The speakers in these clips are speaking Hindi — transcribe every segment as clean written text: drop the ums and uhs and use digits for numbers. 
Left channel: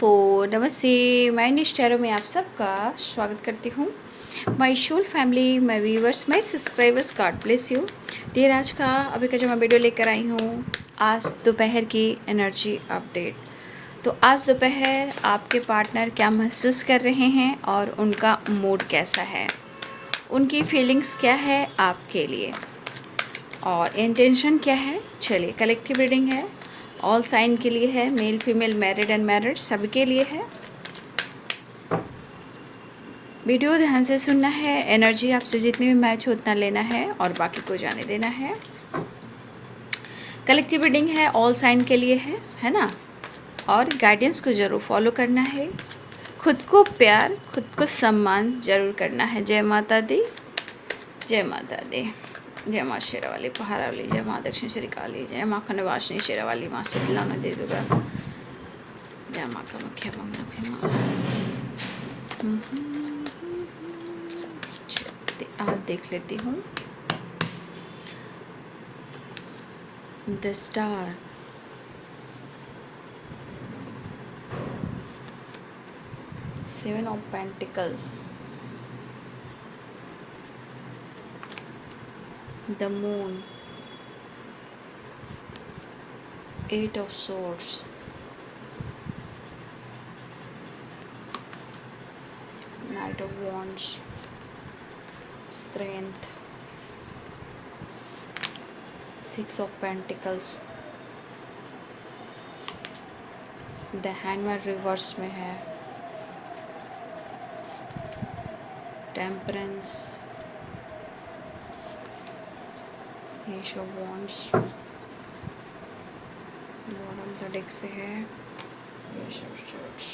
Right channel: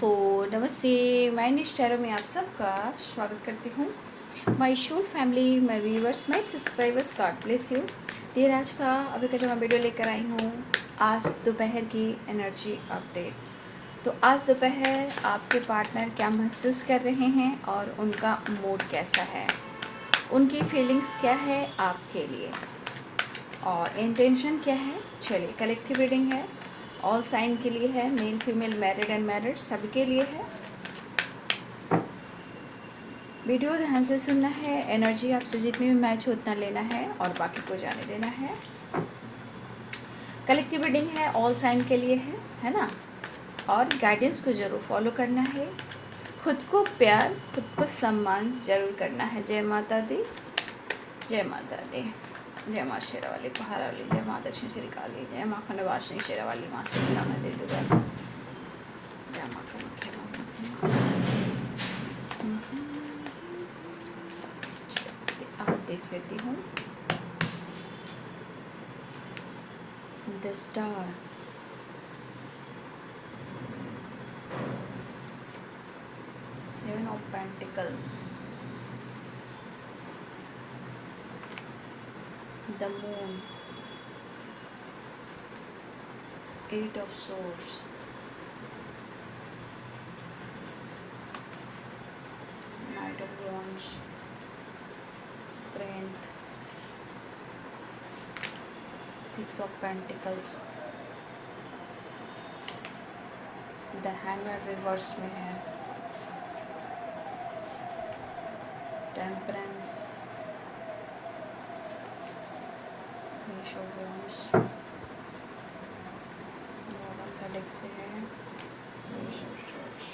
दोस्तों नमस्ते, मैं निष्ठारों में आप सबका स्वागत करती हूँ। My whole family, my viewers, my subscribers, God bless you. Dear, आज का अभी का जो मैं वीडियो लेकर आई हूँ, आज दोपहर की एनर्जी अपडेट। तो आज दोपहर आपके पार्टनर क्या महसूस कर रहे हैं और उनका मूड कैसा है, उनकी फीलिंग्स क्या है आपके लिए और इंटेंशन क्या है। चलिए, कलेक्टिव रीडिंग है, ऑल साइन के लिए है, मेल फीमेल, मैरिड अनमैरिड सबके लिए है। वीडियो ध्यान से सुनना है, एनर्जी आपसे जितनी भी मैच हो उतना लेना है और बाकी को जाने देना है। कलेक्टिव रीडिंग है, ऑल साइन के लिए है ना। और गाइडेंस को ज़रूर फॉलो करना है, खुद को प्यार, खुद को सम्मान ज़रूर करना है। जय माता दी, जय माता दी, जय माँ शेरावाली पहारावाली, जय माँ दक्षिण श्री काली, जय माँ खंडवासिनी शेरावाली, माँ शीतला नदी दुर्गा, जय माँ कामाख्या मंगल। आज देख लेती हूँ the star, seven of pentacles, the moon, eight of swords, knight of wands, strength, six of pentacles, the hangman reverse में है, temperance, ace of wands, bottom का डेक से है, ace of swords,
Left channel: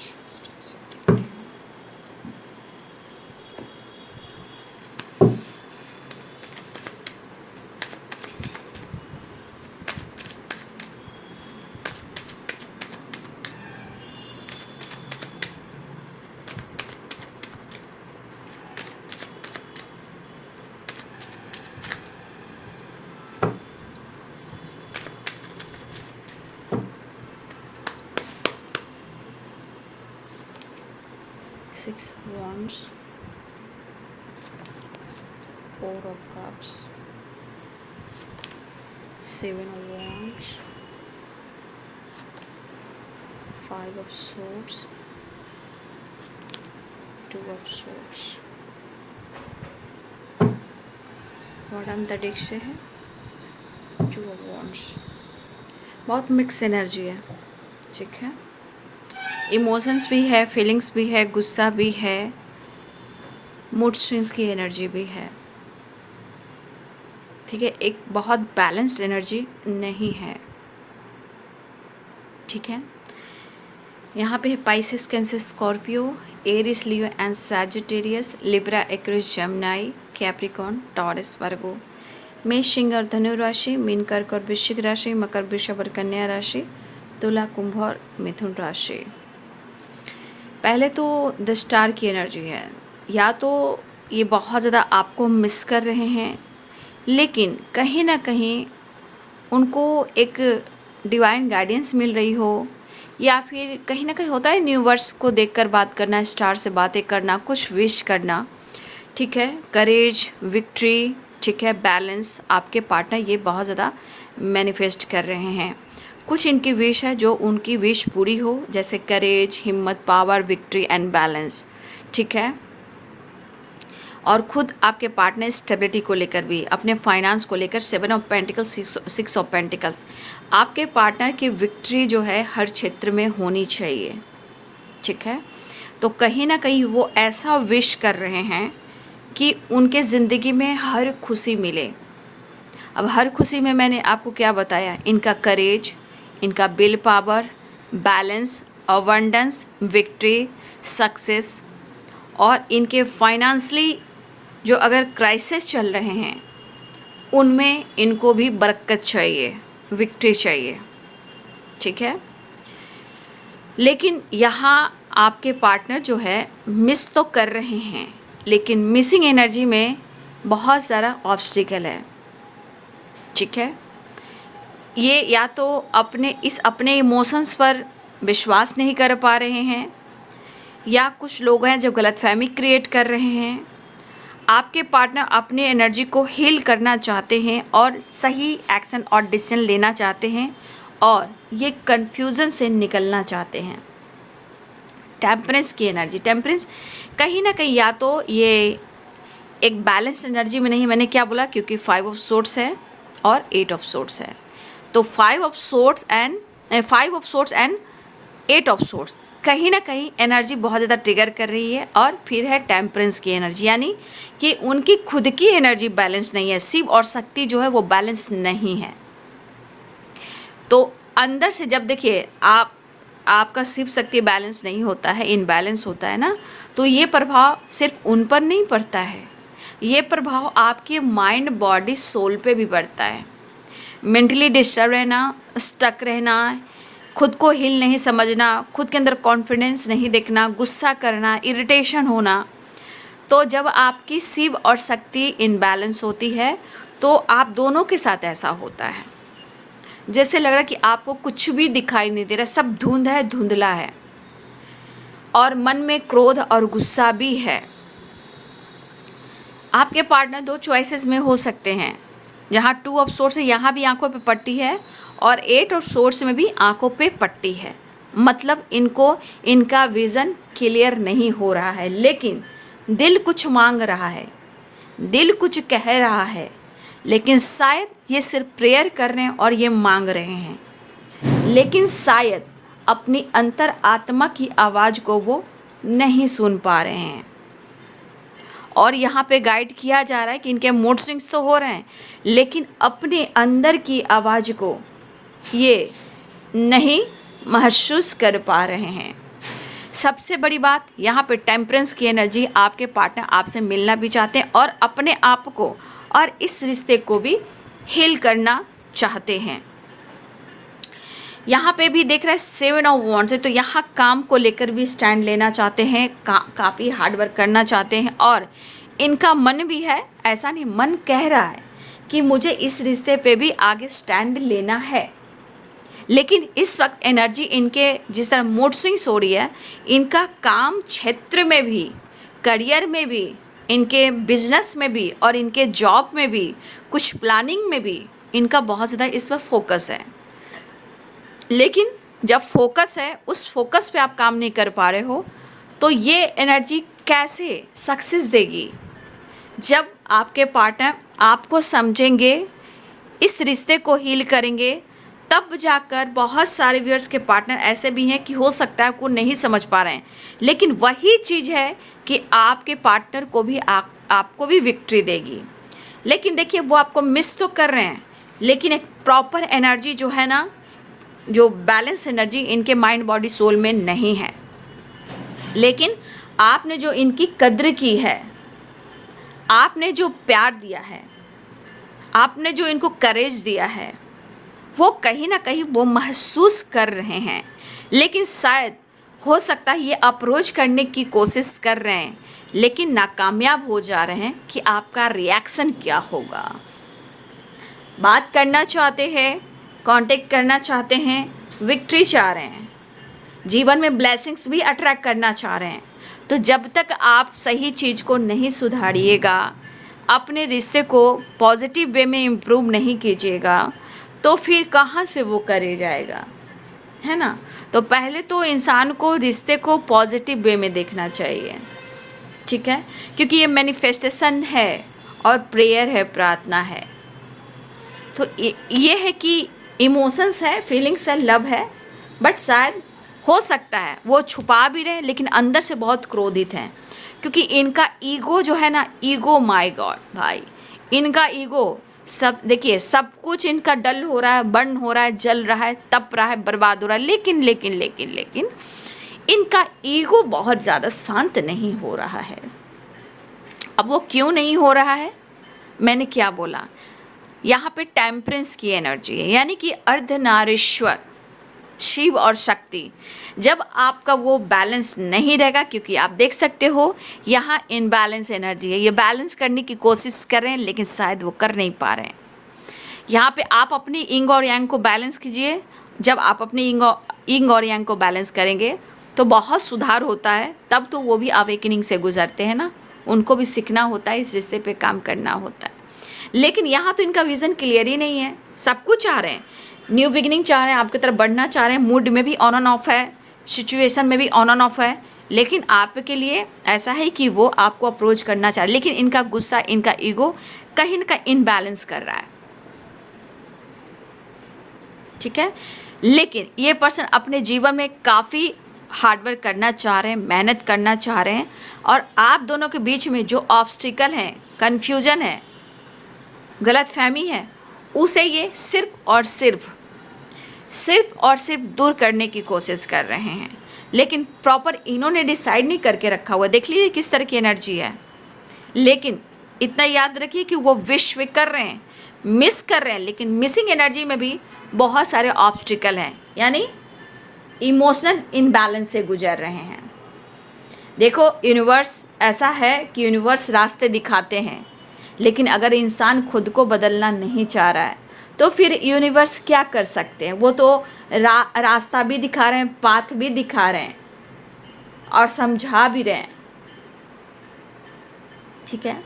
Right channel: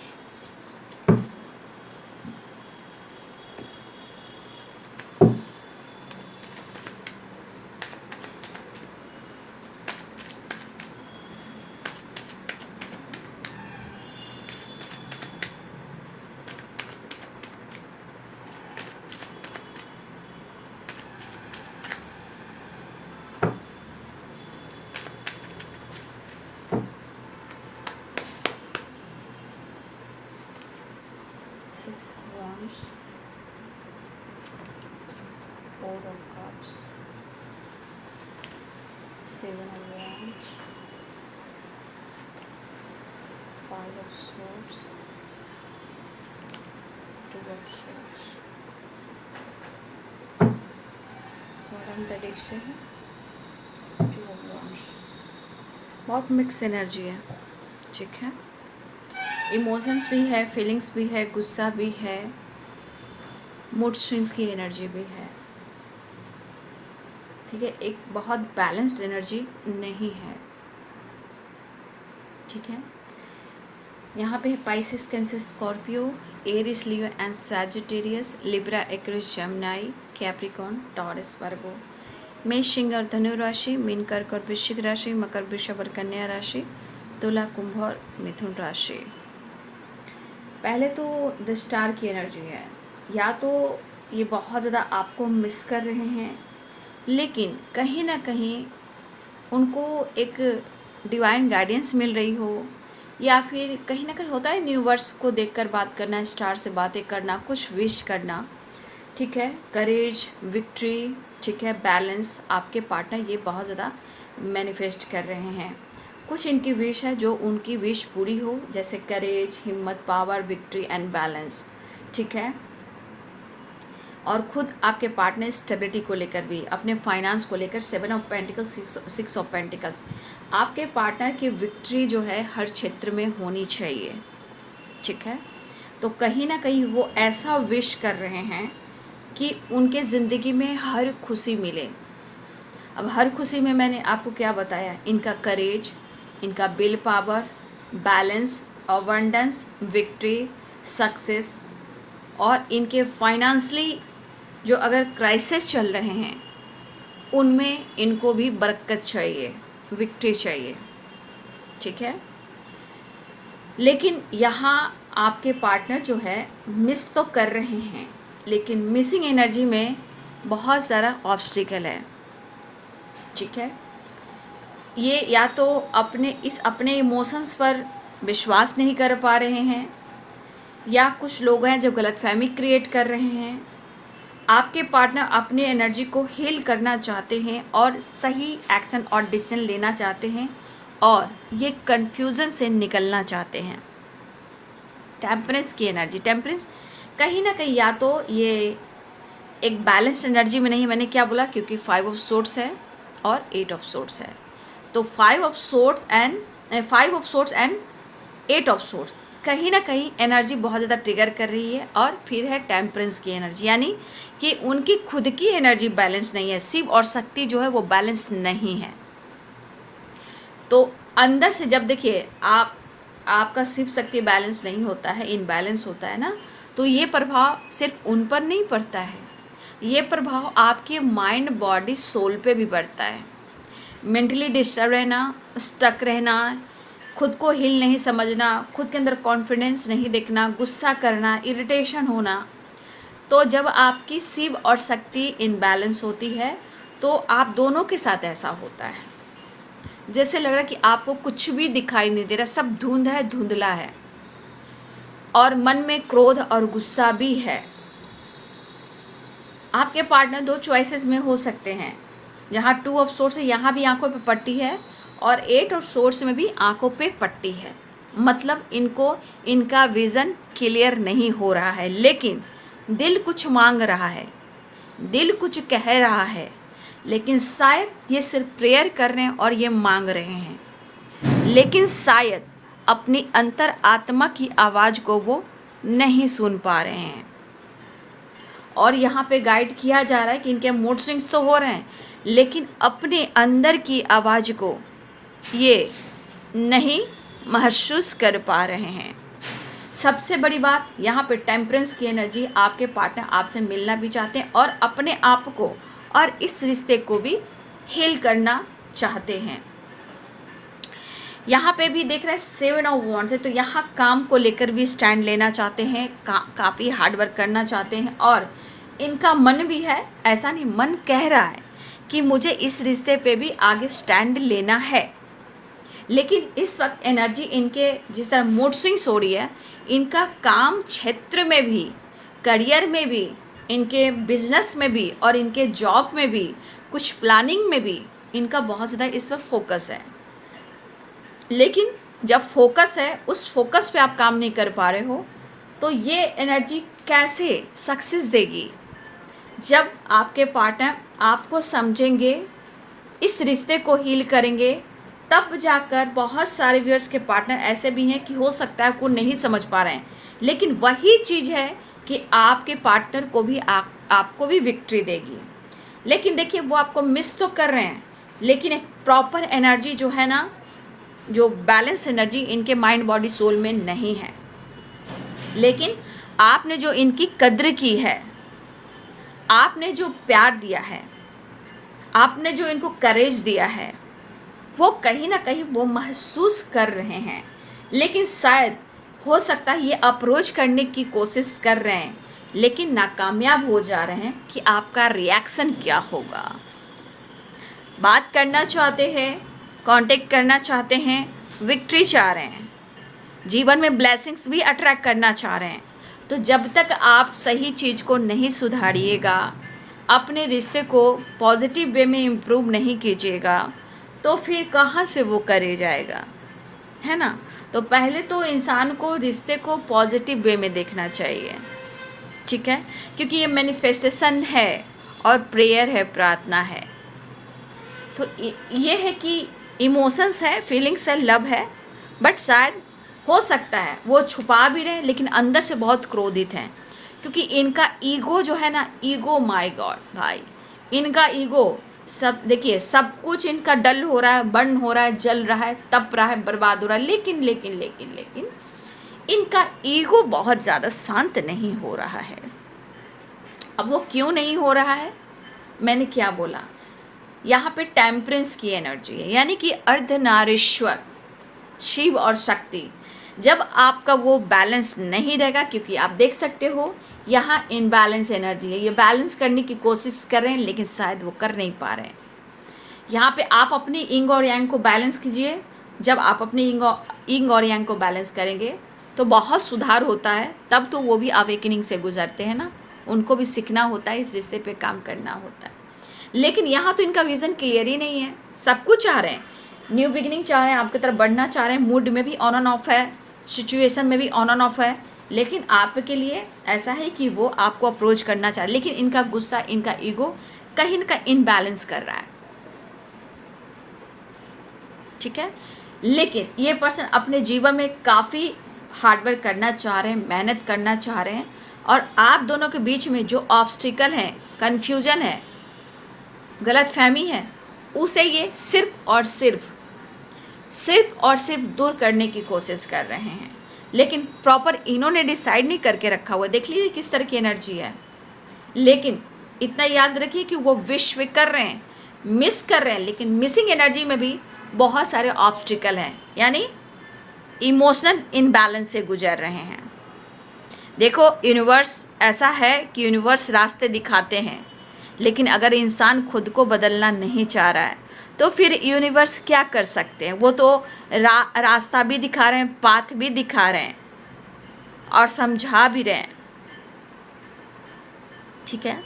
six of wands, four of cups, seven of wands, five of swords, two of swords, bottom the deck से है, टू ऑफ wands। बहुत मिक्स एनर्जी है, ठीक है। इमोशंस भी है, फीलिंग्स भी है, गुस्सा भी है, मूड स्विंग्स की एनर्जी भी है, ठीक है। एक बहुत बैलेंस्ड एनर्जी नहीं है, ठीक है। यहाँ पे है Pisces, Cancer, Scorpio, Aries, Leo and Sagittarius, Libra, Aquarius, Gemini, Capricorn, Taurus, Virgo, मेष, सिंह और धनु राशि, मीन, कर्क और वृश्चिक राशि, मकर, वृषभ और कन्या राशि, तुला, कुंभ और मिथुन राशि। पहले तो द स्टार की एनर्जी है, या तो ये बहुत ज़्यादा आपको मिस कर रहे हैं, लेकिन कहीं ना कहीं उनको एक डिवाइन गाइडेंस मिल रही हो, या फिर कहीं ना कहीं होता है यूनिवर्स को देखकर बात करना, स्टार से बातें करना, कुछ विश करना, ठीक है। करेज, विक्ट्री, ठीक है, बैलेंस, आपके पार्टनर ये बहुत ज़्यादा मैनिफेस्ट कर रहे हैं। कुछ इनकी विश है जो उनकी विश पूरी हो, जैसे करेज, हिम्मत, पावर, विक्ट्री एंड बैलेंस, ठीक है। और खुद आपके पार्टनर स्टेबिलिटी को लेकर भी, अपने फाइनेंस को लेकर, seven of pentacles, six of pentacles, आपके पार्टनर की विक्ट्री जो है हर क्षेत्र में होनी चाहिए, ठीक है। तो कहीं ना कहीं वो ऐसा विश कर रहे हैं कि उनके ज़िंदगी में हर खुशी मिले। अब हर खुशी में मैंने आपको क्या बताया, इनका करेज, इनका will power, balance, abundance, victory, success, और इनके फाइनेंशियली जो अगर क्राइसिस चल रहे हैं उनमें इनको भी बरकत चाहिए, विक्ट्री चाहिए, ठीक है। लेकिन यहाँ आपके पार्टनर जो है मिस तो कर रहे हैं, लेकिन मिसिंग एनर्जी में बहुत सारा ऑब्स्टिकल है, ठीक है। ये या तो अपने इमोशंस पर विश्वास नहीं कर पा रहे हैं, या कुछ लोग हैं जो गलतफहमी क्रिएट कर रहे हैं। आपके पार्टनर अपनी एनर्जी को हील करना चाहते हैं और सही एक्शन और डिसीजन लेना चाहते हैं और ये कन्फ्यूज़न से निकलना चाहते हैं। टेम्परेंस की एनर्जी, टेम्परेंस कहीं ना कहीं या तो ये एक बैलेंस एनर्जी में नहीं, मैंने क्या बोला, क्योंकि 5 ऑफ सोर्ट्स है और 8 ऑफ सोर्ट्स है, तो 5 of sorts and 8 of sorts कहीं ना कहीं एनर्जी बहुत ज़्यादा ट्रिगर कर रही है। और फिर है टेम्परेंस की एनर्जी, यानी कि उनकी खुद की एनर्जी बैलेंस नहीं है, शिव और शक्ति जो है वो बैलेंस नहीं है। तो अंदर से जब देखिए आपका शिव शक्ति बैलेंस नहीं होता है, इनबैलेंस होता है ना, तो ये प्रभाव सिर्फ उन पर नहीं पड़ता है, ये प्रभाव आपके माइंड बॉडी सोल पे भी पड़ता है। मेंटली डिस्टर्ब रहना, स्टक रहना, खुद को हिल नहीं समझना, खुद के अंदर कॉन्फिडेंस नहीं देखना, गुस्सा करना, इरिटेशन होना। तो जब आपकी शिव और शक्ति इनबैलेंस होती है तो आप दोनों के साथ ऐसा होता है, जैसे लग रहा है कि आपको कुछ भी दिखाई नहीं दे रहा, सब धुंध है, धुंधला है, और मन में क्रोध और गुस्सा भी है। आपके पार्टनर 2 चॉइसेस में हो सकते हैं, जहाँ 2 ऑफ सोर्स है यहाँ भी आंखों पे पट्टी है और 8 ऑफ सोर्स में भी आंखों पे पट्टी है। मतलब इनका विज़न क्लियर नहीं हो रहा है, लेकिन दिल कुछ मांग रहा है, दिल कुछ कह रहा है, लेकिन शायद ये सिर्फ प्रेयर कर रहे हैं और ये मांग रहे हैं, लेकिन शायद अपनी अंतर आत्मा की आवाज़ को वो नहीं सुन पा रहे हैं। और यहाँ पे गाइड किया जा रहा है कि इनके मूड स्विंग्स तो हो रहे हैं, लेकिन अपने अंदर की आवाज़ को ये नहीं महसूस कर पा रहे हैं। सबसे बड़ी बात यहाँ पे टेम्परेंस की एनर्जी, आपके पार्टनर आपसे मिलना भी चाहते हैं और अपने आप को और इस रिश्ते को भी हील करना चाहते हैं। यहाँ पे भी देख रहे हैं 7 ऑफ वॉन्ड्स है, तो यहाँ काम को लेकर भी स्टैंड लेना चाहते हैं, काफ़ी हार्ड वर्क करना चाहते हैं और इनका मन भी है, ऐसा नहीं, मन कह रहा है कि मुझे इस रिश्ते पे भी आगे स्टैंड लेना है। लेकिन इस वक्त एनर्जी इनके जिस तरह मूड स्विंग्स हो रही है, इनका काम क्षेत्र में भी, करियर में भी, इनके बिजनेस में भी और इनके जॉब में भी, कुछ प्लानिंग में भी इनका बहुत ज़्यादा इस वक्त फोकस है। लेकिन जब फोकस है, उस फोकस पे आप काम नहीं कर पा रहे हो, तो ये एनर्जी कैसे सक्सेस देगी? जब आपके पार्टनर आपको समझेंगे, इस रिश्ते को हील करेंगे, तब जाकर बहुत सारे व्यूअर्स के पार्टनर ऐसे भी हैं कि हो सकता है को नहीं समझ पा रहे हैं, लेकिन वही चीज़ है कि आपके पार्टनर को भी आपको भी विक्ट्री देगी। लेकिन देखिए वो आपको मिस तो कर रहे हैं, लेकिन एक प्रॉपर एनर्जी जो है ना, जो बैलेंस एनर्जी इनके माइंड बॉडी सोल में नहीं है। लेकिन आपने जो इनकी कद्र की है, आपने जो प्यार दिया है, आपने जो इनको करेज दिया है, वो कहीं ना कहीं वो महसूस कर रहे हैं। लेकिन शायद हो सकता है ये अप्रोच करने की कोशिश कर रहे हैं, लेकिन नाकामयाब हो जा रहे हैं कि आपका रिएक्शन क्या होगा। बात करना चाहते हैं, कांटेक्ट करना चाहते हैं, विक्ट्री चाह रहे हैं, जीवन में ब्लेसिंग्स भी अट्रैक्ट करना चाह रहे हैं। तो जब तक आप सही चीज़ को नहीं सुधारिएगा, अपने रिश्ते को पॉजिटिव वे में इम्प्रूव नहीं कीजिएगा, तो फिर कहाँ से वो करे जाएगा, है ना। तो पहले तो इंसान को रिश्ते को पॉजिटिव वे में देखना चाहिए, ठीक है, क्योंकि ये मैनिफेस्टेशन है और प्रेयर है, प्रार्थना है। तो ये है कि इमोशंस है, फीलिंग्स है, लव है, बट शायद हो सकता है वो छुपा भी रहे, लेकिन अंदर से बहुत क्रोधित हैं, क्योंकि इनका ईगो जो है ना, ईगो, माय गॉड भाई, इनका ईगो सब, देखिए सब कुछ इनका डल हो रहा है, बर्न हो रहा है, जल रहा है, तप रहा है, बर्बाद हो रहा है, लेकिन लेकिन लेकिन लेकिन इनका ईगो बहुत ज़्यादा शांत नहीं हो रहा है। अब वो क्यों नहीं हो रहा है, मैंने क्या बोला, यहाँ पे टेम्परेंस की एनर्जी है, यानी कि अर्धनारीश्वर शिव और शक्ति, जब आपका वो बैलेंस नहीं रहेगा, क्योंकि आप देख सकते हो यहाँ इनबैलेंस एनर्जी है, ये बैलेंस करने की कोशिश कर रहे हैं, लेकिन शायद वो कर नहीं पा रहे हैं। यहाँ पे आप अपनी इंग और यांग को बैलेंस कीजिए, जब आप अपने इंग और यांग को बैलेंस करेंगे तो बहुत सुधार होता है। तब तो वो भी अवेकनिंग से गुजरते हैं ना, उनको भी सीखना होता है, इस रिश्ते पे काम करना होता है। लेकिन यहाँ तो इनका विज़न क्लियर ही नहीं है। सब कुछ चाह रहे हैं, न्यू बिगिनिंग चाह रहे हैं, आपकी तरफ बढ़ना चाह रहे हैं, मूड में भी ऑन एंड ऑफ है, सिचुएशन में भी ऑन एंड ऑफ है। लेकिन आपके लिए ऐसा है कि वो आपको अप्रोच करना चाह रहे, लेकिन इनका गुस्सा, इनका ईगो कहीं ना कहीं इनबैलेंस कर रहा है। ठीक है, लेकिन ये पर्सन अपने जीवन में काफ़ी हार्डवर्क करना चाह रहे हैं, मेहनत करना चाह रहे हैं, और आप दोनों के बीच में जो ऑब्स्टिकल है, कन्फ्यूजन है, गलत फहमी है, उसे ये सिर्फ और सिर्फ दूर करने की कोशिश कर रहे हैं। लेकिन प्रॉपर इन्होंने डिसाइड नहीं करके रखा हुआ। देख लीजिए किस तरह की एनर्जी है। लेकिन इतना याद रखिए कि वो विश कर रहे हैं, मिस कर रहे हैं, लेकिन मिसिंग एनर्जी में भी बहुत सारे ऑब्स्टिकल हैं, यानी इमोशनल इनबैलेंस से गुजर रहे हैं। देखो, यूनिवर्स ऐसा है कि यूनिवर्स रास्ते दिखाते हैं, लेकिन अगर इंसान खुद को बदलना नहीं चाह रहा है तो फिर यूनिवर्स क्या कर सकते हैं। वो तो रास्ता भी दिखा रहे हैं, पाथ भी दिखा रहे हैं और समझा भी रहे हैं। ठीक है,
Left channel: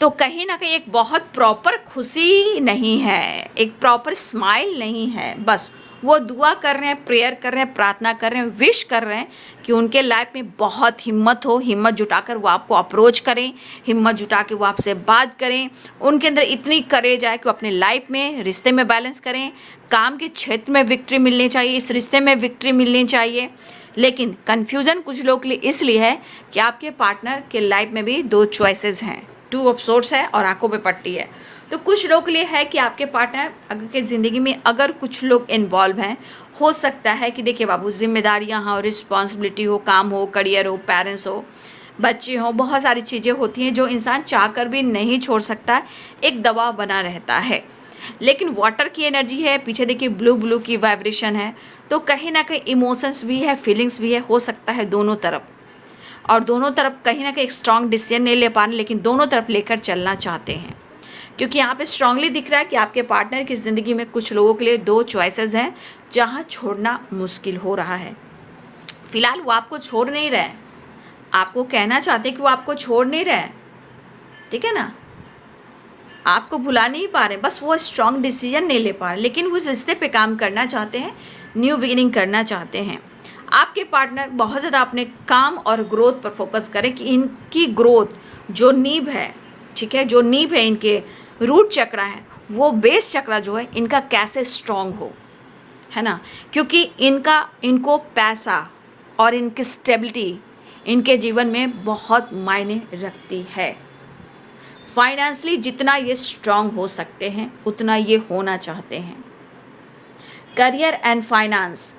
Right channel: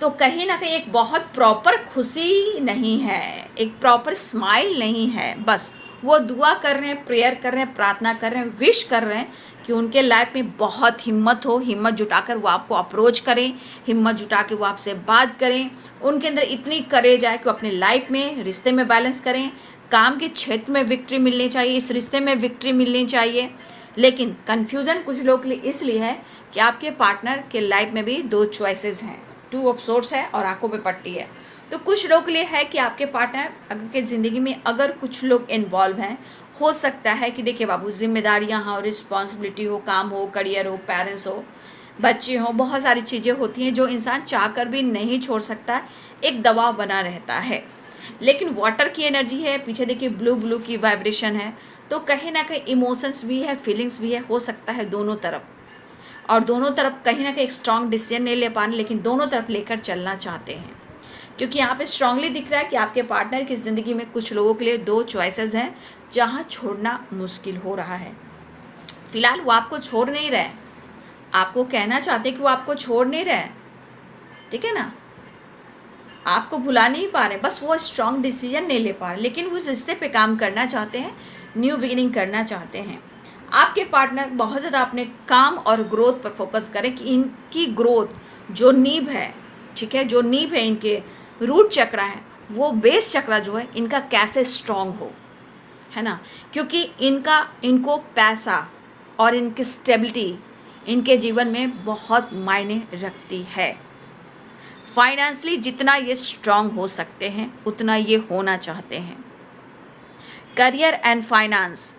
तो कहीं ना कहीं एक बहुत प्रॉपर खुशी नहीं है, एक प्रॉपर स्माइल नहीं है। बस वो दुआ कर रहे हैं, प्रेयर कर रहे हैं, प्रार्थना कर रहे हैं, विश कर रहे हैं कि उनके लाइफ में बहुत हिम्मत हो, हिम्मत जुटाकर वो आपको अप्रोच करें, हिम्मत जुटा के वो आपसे बात करें। उनके अंदर इतनी करेज आए कि वो अपने लाइफ में, रिश्ते में बैलेंस करें, काम के क्षेत्र में विक्ट्री मिलनी चाहिए, इस रिश्ते में विक्ट्री मिलनी चाहिए। लेकिन कन्फ्यूज़न कुछ लोग के लिए इसलिए है कि आपके पार्टनर के लाइफ में भी दो चॉइसेस हैं, 2 ऑफ सोर्स है और आंखों पे पट्टी है। तो कुछ लोग के लिए है कि आपके पार्टनर अगर के ज़िंदगी में अगर कुछ लोग इन्वॉल्व हैं, हो सकता है कि देखिए बाबू, जिम्मेदारियां हो, रिस्पॉन्सिबिलिटी हो, काम हो, करियर हो, पेरेंट्स हो, बच्चे हों, बहुत सारी चीज़ें होती हैं जो इंसान चाहकर भी नहीं छोड़ सकता, एक दबाव बना रहता है। लेकिन वाटर की एनर्जी है, पीछे देखिए ब्लू की वाइब्रेशन है, तो कहीं ना कहीं इमोशंस भी है, फीलिंग्स भी है, हो सकता है दोनों तरफ। और दोनों तरफ कहीं ना कहीं एक स्ट्रॉन्ग डिसीजन नहीं ले पा रहे, लेकिन दोनों तरफ लेकर चलना चाहते हैं। क्योंकि यहाँ पे स्ट्रांगली दिख रहा है कि आपके पार्टनर की ज़िंदगी में कुछ लोगों के लिए 2 चॉइसेस हैं जहाँ छोड़ना मुश्किल हो रहा है। फिलहाल वो आपको छोड़ नहीं रहे, आपको कहना चाहते कि वो आपको छोड़ नहीं रहे, ठीक है ना, आपको भुला नहीं पा रहे, बस वो स्ट्रॉन्ग डिसीजन नहीं ले पा रहे, लेकिन वो इस रिश्ते पे काम करना चाहते हैं, न्यू बिगिनिंग करना चाहते हैं। आपके पार्टनर बहुत ज़्यादा अपने काम और ग्रोथ पर फोकस करें कि इनकी ग्रोथ जो नींव है, ठीक है, जो नींव है, इनके रूट चक्रा है, वो बेस चक्रा जो है इनका कैसे स्ट्रॉन्ग हो, है ना। क्योंकि इनको पैसा और इनकी स्टेबिलिटी इनके जीवन में बहुत मायने रखती है। फाइनेंशियली जितना ये स्ट्रॉन्ग हो सकते हैं उतना ये होना चाहते हैं। करियर एंड फाइनेंस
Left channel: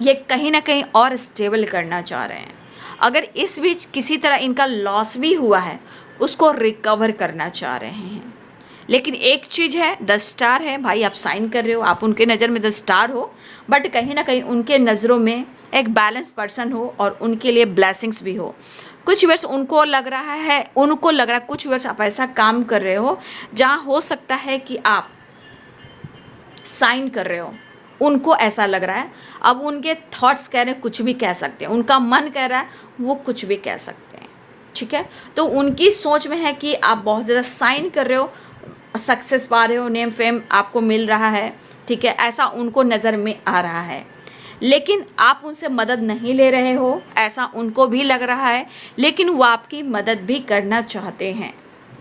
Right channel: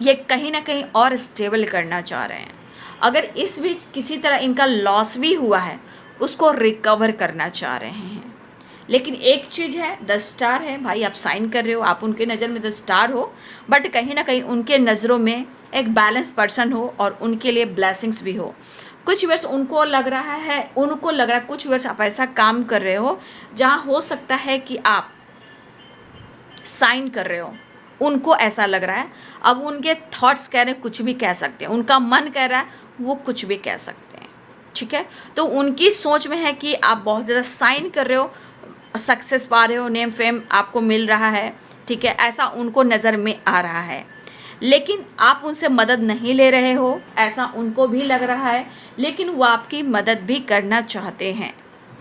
ये कहीं ना कहीं और स्टेबल करना चाह रहे हैं। अगर इस बीच किसी तरह इनका लॉस भी हुआ है, उसको रिकवर करना चाह रहे हैं। लेकिन एक चीज़ है, 10 स्टार है भाई, आप साइन कर रहे हो, आप उनके नज़र में 10 स्टार हो, बट कहीं ना कहीं उनके नज़रों में एक बैलेंस पर्सन हो और उनके लिए ब्लेसिंग्स भी हो। कुछ वर्ष उनको लग रहा है कुछ वर्ष आप ऐसा काम कर रहे हो जहाँ हो सकता है कि आप साइन कर रहे हो, उनको ऐसा लग रहा है। अब उनके थॉट्स कह रहे हैं कुछ भी कह सकते हैं, उनका मन कह रहा है वो कुछ भी कह सकते हैं, ठीक है। तो उनकी सोच में है कि आप बहुत ज़्यादा साइन कर रहे हो, सक्सेस पा रहे हो, नेम फेम आपको मिल रहा है, ठीक है, ऐसा उनको नज़र में आ रहा है। लेकिन आप उनसे मदद नहीं ले रहे हो, ऐसा उनको भी लग रहा है, लेकिन वो आपकी मदद भी करना चाहते हैं,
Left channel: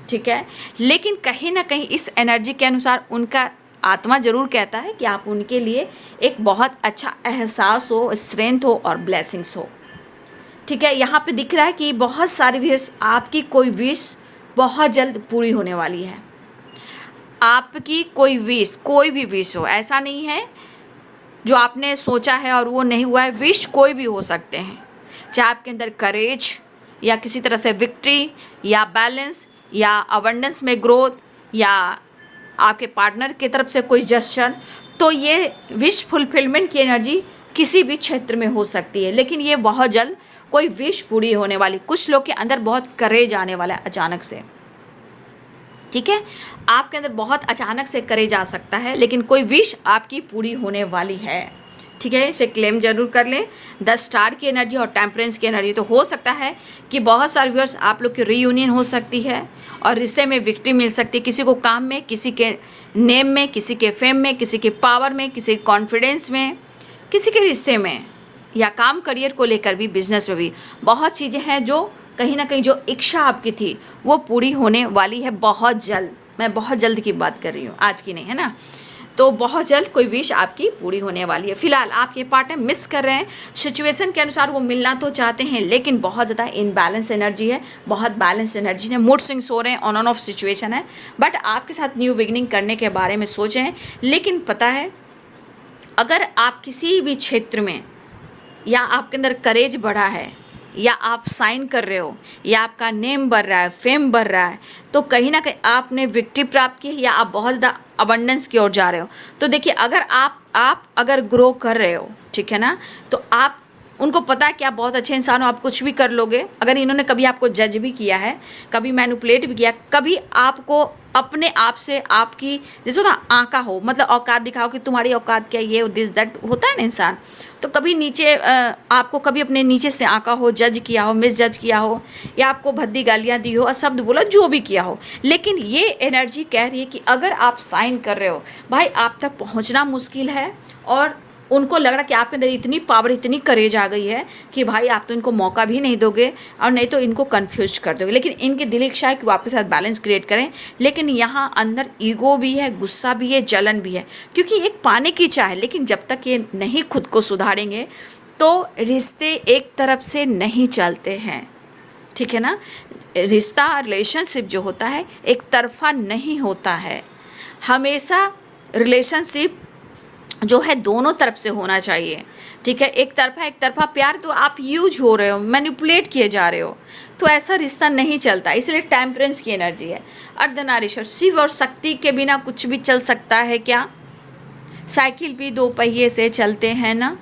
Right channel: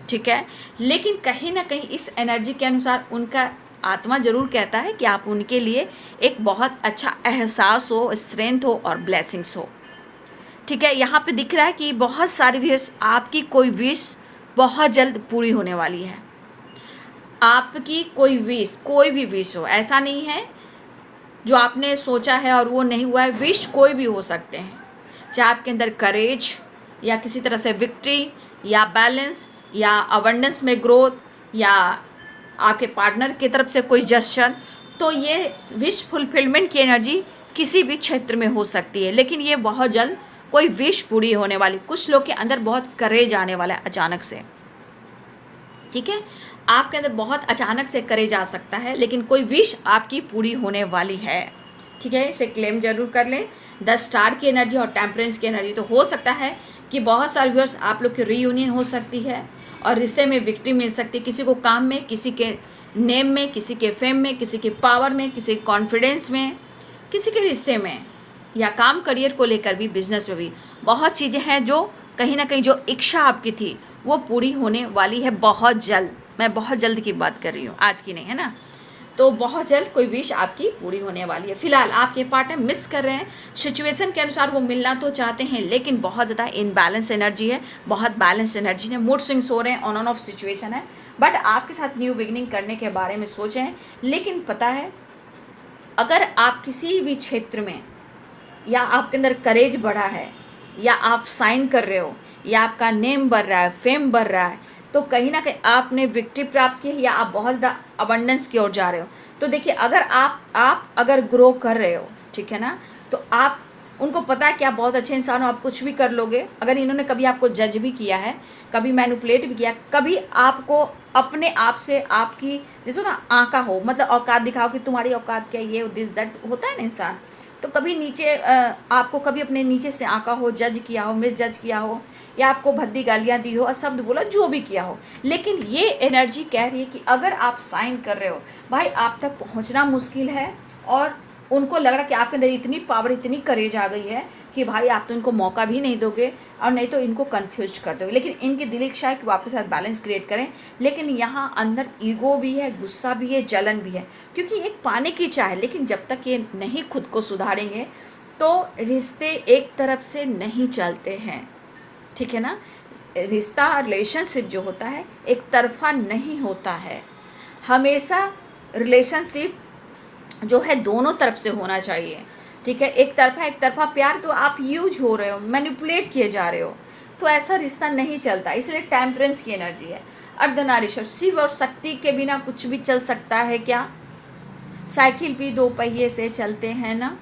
ठीक है। लेकिन कहीं ना कहीं इस एनर्जी के अनुसार उनका आत्मा ज़रूर कहता है कि आप उनके लिए एक बहुत अच्छा एहसास हो, स्ट्रेंथ हो और ब्लेसिंग्स हो, ठीक है। यहाँ पे दिख रहा है कि बहुत सारी विश, आपकी कोई विश बहुत जल्द पूरी होने वाली है। आपकी कोई विश, कोई भी विश हो, ऐसा नहीं है जो आपने सोचा है और वो नहीं हुआ है, विश कोई भी हो सकते हैं, चाहे आपके अंदर करेज या किसी तरह से विक्ट्री या बैलेंस या अबंडेंस में ग्रोथ या आपके पार्टनर की तरफ से कोई जस्चर, तो ये विश फुलफिलमेंट की एनर्जी किसी भी क्षेत्र में हो सकती है। लेकिन ये बहुत जल्द कोई विश पूरी होने वाली, कुछ लोग के अंदर बहुत करेज आने वाला है अचानक से, ठीक है। आपके अंदर बहुत अचानक से करेज आ सकता है, लेकिन कोई विश आपकी पूरी होने वाली है। ठीक है, इसे क्लेम जरूर कर लें। 10 स्टार की एनर्जी और टेम्परेंस की एनर्जी, तो हो सकता है कि बहुत सारे व्यूअर्स आप लोग की रीयूनियन हो सकती है और रिश्ते में विक्ट्री मिल सकती है, किसी को काम में, किसी के नेम में, किसी के फेम में, किसी के पावर में, किसी के कॉन्फिडेंस में, किसी के रिश्ते में, या काम करियर को लेकर भी, बिजनेस में भी बहुत चीज़ें हैं जो कहीं ना कहीं जो इच्छा आपकी थी वो पूरी होने वाली है बहुत जल्द। मैं बहुत जल्द की बात कर रही हूँ, आज की नहीं, है ना। तो बहुत जल्द कोई विश आपकी पूरी होने वाली है। फिलहाल आपके पार्टनर मिस कर रहे हैं, सिचुएशन के अनुसार वो मिलना तो चाहते हैं लेकिन बहुत ज़्यादा इनबैलेंस एनर्जी है, बहुत बैलेंस एनर्जी है, मूड स्विंग्स हो रहे हैं, ऑन एंड ऑफ सिचुएशन है। बट आपके साथ न्यू बिगिनिंग करने के बारे में सोचे हैं, लेकिन पता है अगर आप किसी भी क्षेत्र में या आपके अंदर करेज बढ़ा है, या आप साइन कर रहे हो, या आपका नेम बढ़ रहा है, फेम बढ़ रहा है, तो कहीं ना कहीं आपने विक्ट्री प्राप्त की है या आप बहुत ज़्यादा अबंडेंस की ओर जा रहे हो। तो देखिए, अगर आप अगर ग्रो कर रहे हो, ठीक है ना, तो आप उनको पता है कि आप बहुत अच्छे इंसान हो, आप कुछ भी कर लोगे। अगर इन्होंने कभी आपको जज भी किया है, कभी मैनिपुलेट भी किया, कभी आपको अपने आप से आपकी जैसे ना आंका हो, मतलब औकात दिखाओ कि तुम्हारी औकात क्या, ये दिस दैट होता है ना इंसान, तो कभी नीचे आपको कभी अपने नीचे से आंका हो, जज किया हो, मिस जज किया हो, या आपको भद्दी गालियाँ दी हो, अशब्द बोला, जो भी किया हो। लेकिन ये एनर्जी कह रही है कि अगर आप साइन कर रहे हो भाई, आप तक पहुंचना मुश्किल है, और उनको लग रहा कि आपके अंदर इतनी पावर, इतनी करेज आ गई है कि भाई आप तो इनको मौका भी नहीं दोगे और नहीं तो इनको कंफ्यूज कर दोगे। लेकिन इनकी दिल इच्छा है कि वो आपके साथ बैलेंस क्रिएट करें, लेकिन यहाँ अंदर ईगो भी है, गुस्सा भी है, जलन भी है, क्योंकि एक पाने की चाह है। लेकिन जब तक ये नहीं खुद को सुधारेंगे तो रिश्ते एक तरफ से नहीं चलते हैं, ठीक है ना। रिश्ता, रिलेशनशिप जो होता है एक तरफा नहीं होता है, हमेशा रिलेशनशिप जो है दोनों तरफ से होना चाहिए, ठीक है। एक तरफा प्यार तो आप यूज हो रहे हो, मैनिपुलेट किए जा रहे हो, तो ऐसा रिश्ता नहीं चलता। इसलिए टेम्परेंस की एनर्जी है। अर्धनारीश्वर, शिव और शक्ति के बिना कुछ भी चल सकता है क्या? साइकिल भी 2 पहिए से चलते हैं ना।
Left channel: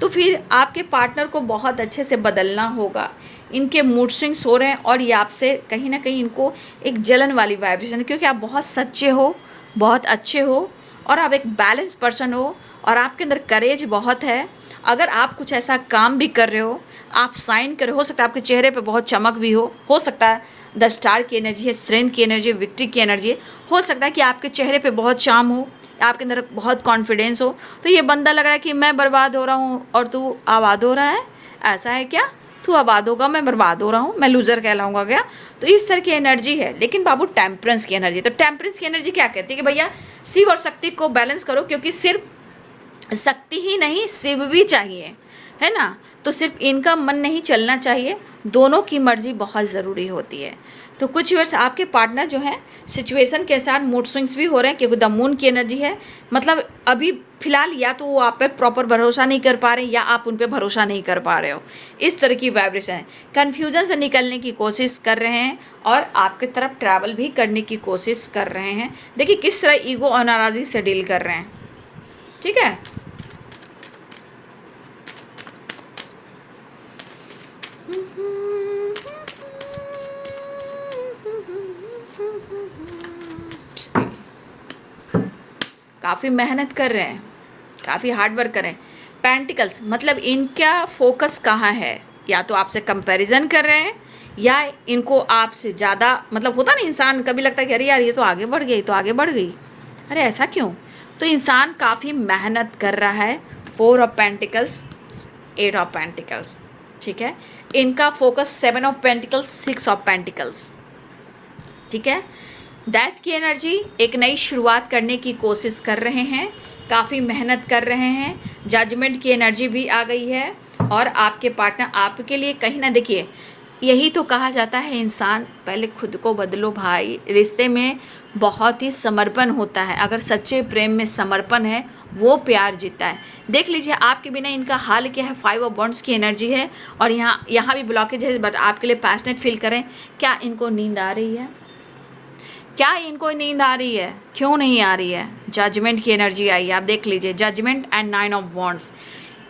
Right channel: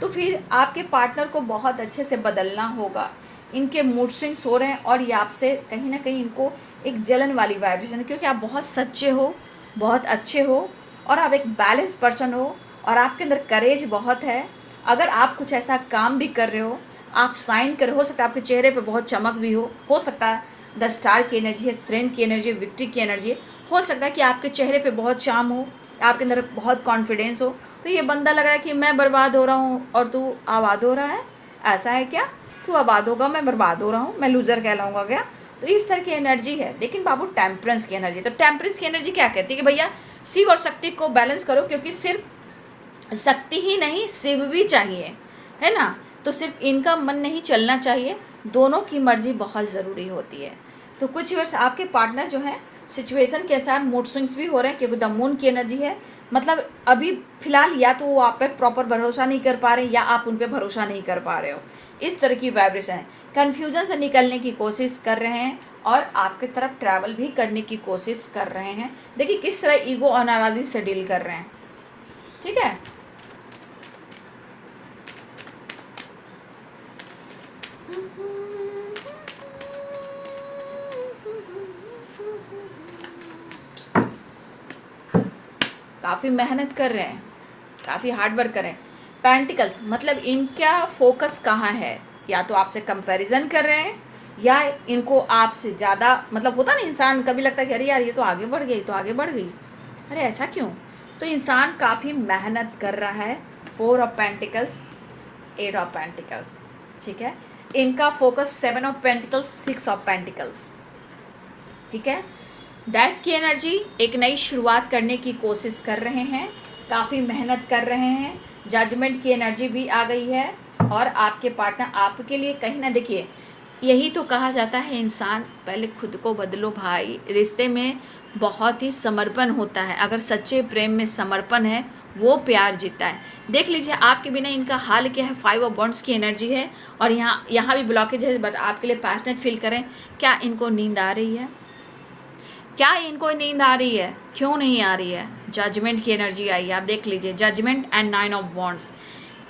तो फिर आपके पार्टनर को बहुत अच्छे से बदलना होगा। इनके मूड स्विंग्स हो रहे हैं और ये आपसे कहीं ना कहीं इनको एक जलन वाली वाइब्रेशन है, क्योंकि आप बहुत सच्चे हो, बहुत अच्छे हो, और आप एक बैलेंस पर्सन हो, और आपके अंदर करेज बहुत है। अगर आप कुछ ऐसा काम भी कर रहे हो, आप साइन कर, हो सकता है आपके चेहरे पे बहुत चमक भी हो सकता है 10 स्टार की एनर्जी है, स्ट्रेंथ की एनर्जी है, विक्ट्री की एनर्जी है। हो सकता है कि आपके चेहरे पे बहुत चार्म हो, आपके अंदर बहुत कॉन्फिडेंस हो, तो ये बंदा लग रहा है कि मैं बर्बाद हो रहा हूँ और तू आबाद हो रहा है। ऐसा है क्या? तू आबाद होगा, मैं बर्बाद हो रहा हूँ, मैं लूज़र कहलाऊंगा क्या? तो इस तरह की एनर्जी है। लेकिन बाबू टेम्परेंस की एनर्जी, तो टेम्परेंस की एनर्जी क्या कहती है कि भैया शिव और शक्ति को बैलेंस करो, क्योंकि सिर्फ शक्ति ही नहीं, शिव भी चाहिए, है ना। तो सिर्फ इनका मन नहीं चलना चाहिए, दोनों की मर्जी बहुत ज़रूरी होती है। तो कुछ वर्ष आपके पार्टनर जो हैं सिचुएशन के साथ मूड स्विंग्स भी हो रहे हैं, क्योंकि द मून की एनर्जी है। मतलब अभी फिलहाल या तो वो आप पे प्रॉपर भरोसा नहीं कर पा रहे, या आप उन पे भरोसा नहीं कर पा रहे हो, इस तरह की वाइब्रेशन है। कन्फ्यूजन से निकलने की कोशिश कर रहे हैं और आपकी तरफ ट्रैवल भी करने की कोशिश कर रहे हैं। देखिए किस तरह ईगो और नाराज़गी से डील कर रहे हैं, ठीक है। काफ़ी मेहनत कर रहे हैं, काफ़ी हार्ड वर्क कर रहे हैं। पेंटिकल्स, मतलब इनका फोकस कहाँ है? या तो आपसे कंपैरिजन कर रहे हैं, या इनको आपसे ज़्यादा, मतलब होता ना इंसान कभी लगता है कि अरे यार ये तो आगे बढ़ गई, तो आगे बढ़ गई, अरे ऐसा क्यों? तो इंसान काफ़ी मेहनत कर रहा है। 4 ऑफ पेंटिकल्स, 8 ऑफ पेंटिकल्स, ठीक है। इनका focus 7 of pentacles, 6 of pentacles, ठीक है। दैट की एनर्जी, एक नई शुरुआत करने की कोशिश कर रहे हैं, काफ़ी मेहनत कर रहे हैं। जजमेंट की एनर्जी भी आ गई है, और आपके पार्टनर आपके लिए कहीं ना, देखिए यही तो कहा जाता है इंसान पहले खुद को बदलो भाई। रिश्ते में बहुत ही समर्पण होता है, अगर सच्चे प्रेम में समर्पण है वो प्यार जीता है। देख लीजिए आपके बिना इनका हाल क्या है। 5 ऑफ वॉन्ड्स की एनर्जी है, और यहाँ भी ब्लॉकेज है, बट आपके लिए पैशनेट फील करें। क्या इनको नींद आ रही है? क्या इनको नींद आ रही है? क्यों नहीं आ रही है? जजमेंट की एनर्जी आई है, आप देख लीजिए, जजमेंट एंड 9 ऑफ वॉन्ड्स।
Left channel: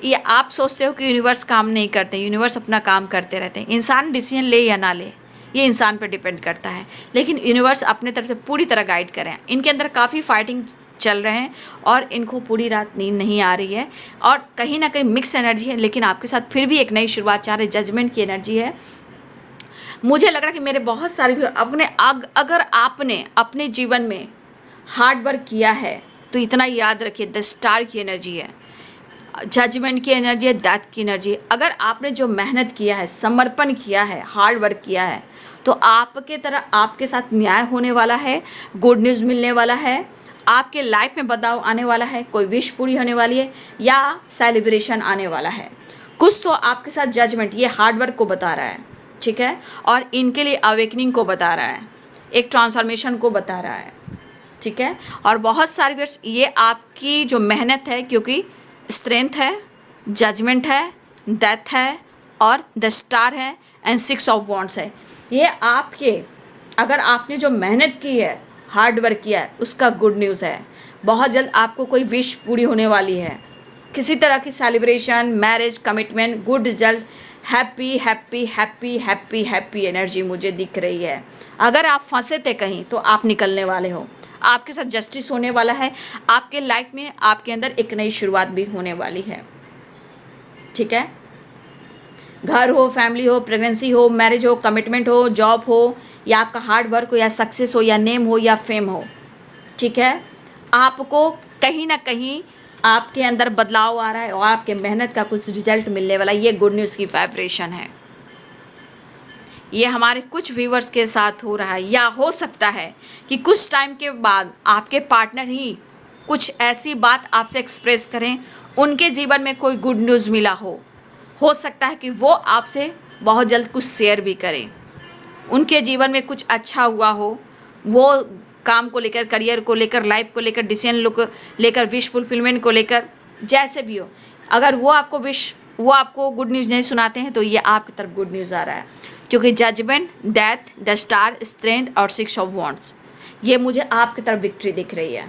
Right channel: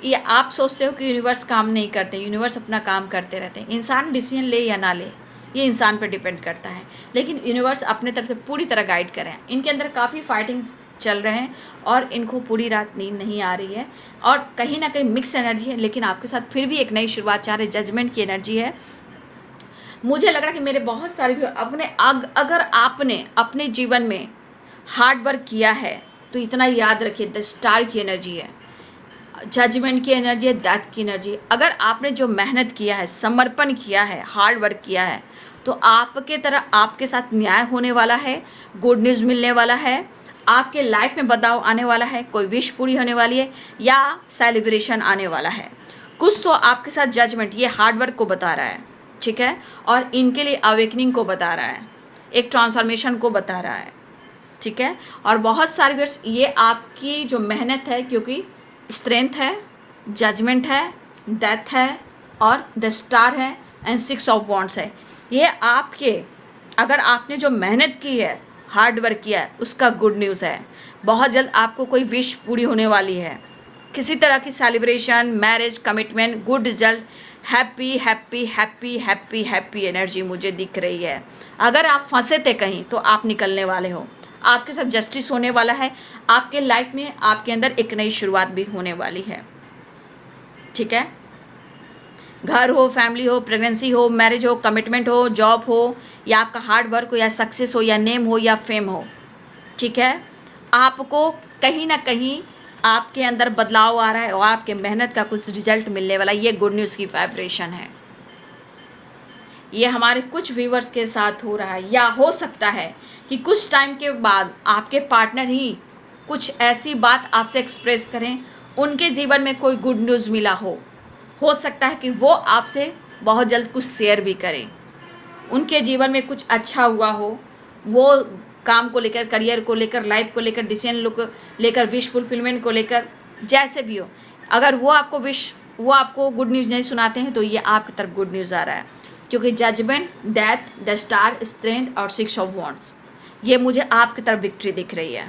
ये आप सोचते हो कि यूनिवर्स काम नहीं करते, यूनिवर्स अपना काम करते रहते हैं। इंसान डिसीजन ले या ना ले, ये इंसान पर डिपेंड करता है, लेकिन यूनिवर्स अपने तरफ से पूरी तरह गाइड करें। इनके अंदर काफ़ी फाइटिंग चल रहे हैं और इनको पूरी रात नींद नहीं आ रही है और कहीं ना कहीं मिक्स एनर्जी है, लेकिन आपके साथ फिर भी एक नई शुरुआत चाह रहे, जजमेंट की एनर्जी है। मुझे लग रहा है कि मेरे बहुत सारे भी अगर आपने अपने जीवन में हार्ड वर्क किया है तो इतना याद रखिए, द स्टार की एनर्जी है, जजमेंट की एनर्जी है, डेथ की एनर्जी। अगर आपने जो मेहनत किया है, समर्पण किया है, हार्ड वर्क किया है, तो आपके तरह आपके साथ न्याय होने वाला है, गुड न्यूज़ मिलने वाला है, आपके लाइफ में बदलाव आने वाला है, कोई विश पूरी होने वाली है या सेलिब्रेशन आने वाला है। कुछ तो आपके साथ जजमेंट ये हार्ड वर्क को बता रहा है, ठीक है, और इनके लिए अवेकनिंग को बता रहा है, एक ट्रांसफॉर्मेशन को बता रहा है, ठीक है। और बहुत सारे वर्ष ये आपकी जो मेहनत है, क्योंकि स्ट्रेंथ है, जजमेंट है, डेथ है और द स्टार है एंड 6 ऑफ वॉन्ड्स है। ये आपके, अगर आपने जो मेहनत की है, हार्ड वर्क किया है, उसका गुड न्यूज़ है। बहुत जल्द आपको कोई विश पूरी होने वाली है, किसी तरह की celebration, marriage, commitment, good result, happy happy happy happy happy energy मुझे दिख रही है। अगर आप फंसे थे कहीं तो आप निकलने वाले हो, आपके साथ जस्टिस होने वाला है, आपके लाइफ में आपके अंदर एक नई शुरुआत भी होने वाली है, ठीक है। घर हो, फैमिली हो, प्रेगनेंसी हो, मैरिज हो, कमिटमेंट हो, जॉब हो, या आपका हार्ड वर्क हो, या सक्सेस हो, या नेम हो, या फेम हो, ठीक है। आपको कहीं ना कहीं आपके अंदर बदलाव आ रहा है और आपके मेहनत का कुछ रिजल्ट मिलने वाला है। ये गुड न्यूज़ की वाइब्रेशन है। ये हमारे कुछ व्यूवर्स के साथ हो रहा है, या हो सकता है कि कुछ टाइम के बाद आपके पार्टनर ही कुछ ऐसी बात आपसे एक्सप्रेस करें, उनके जीवन में कोई गुड न्यूज़ मिला हो सकता है कि वो आपसे बहुत जल्द कुछ शेयर भी करें, उनके जीवन में कुछ अच्छा हुआ हो, वो काम को लेकर, करियर को लेकर, लाइफ को लेकर, डिसीजन को लेकर, विश फुलफिलमेंट को लेकर, जैसे भी हो, अगर वो आपको गुड न्यूज़ नहीं सुनाते हैं तो ये आपकी तरफ गुड न्यूज़ आ रहा है, क्योंकि judgement, death, the star, strength और 6 ऑफ वॉन्ड्स, ये मुझे आपकी तरफ विक्ट्री दिख रही है।